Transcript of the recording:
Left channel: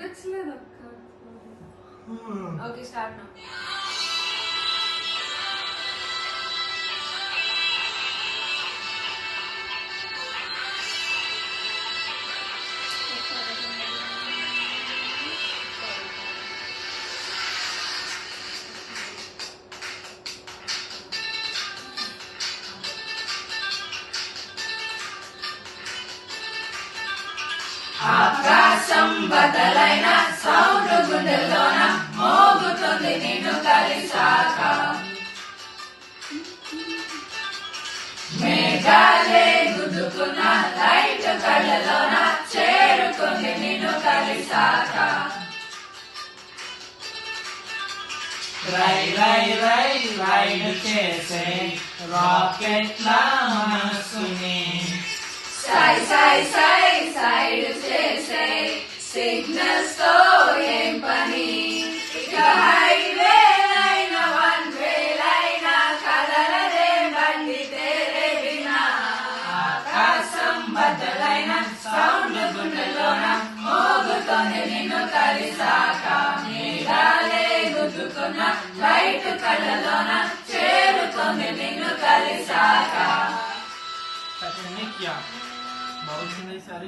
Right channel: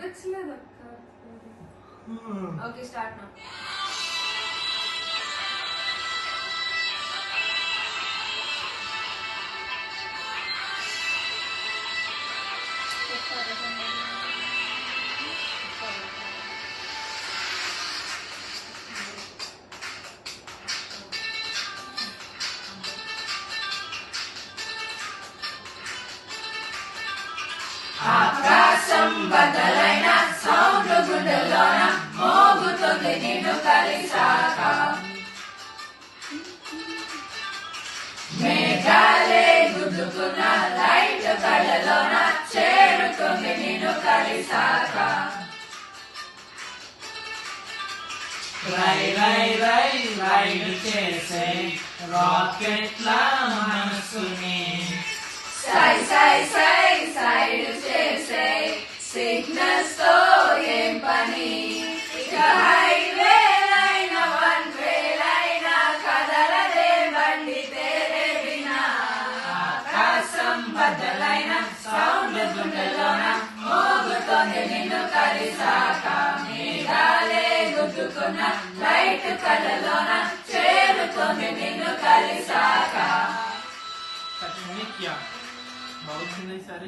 వినిపించలేదు అక్క. Okay start నా. ఆకాశం బదలైన సౌండ్ గుండెల్లోన మోగుతుంది నిన్ను కలిసాక మేఘాలే గుద్దుకున్న లైట్ కళ్ళలోన చేరుకుంది నిన్ను కలిసాక రై రై రై రైడ్ చేసే రాకెట్లా మనసుని సై సై సై సైడ్ చేసే సిగ్నల్స్ తో ఏం పని ఇక హైవే అయినా వన్ వే అయినా కదలదే బండి తేరే బినా ఆకాశం బద్దలైన సౌండ్ గుండెలోన మోగుతోంది నిన్ను కలిసాక మేఘాలే గుద్దుకున్న లైట్ కళ్ళలోన చేరుతోంది నిన్ను కలిసాక क्या बहुत सुंदर सारी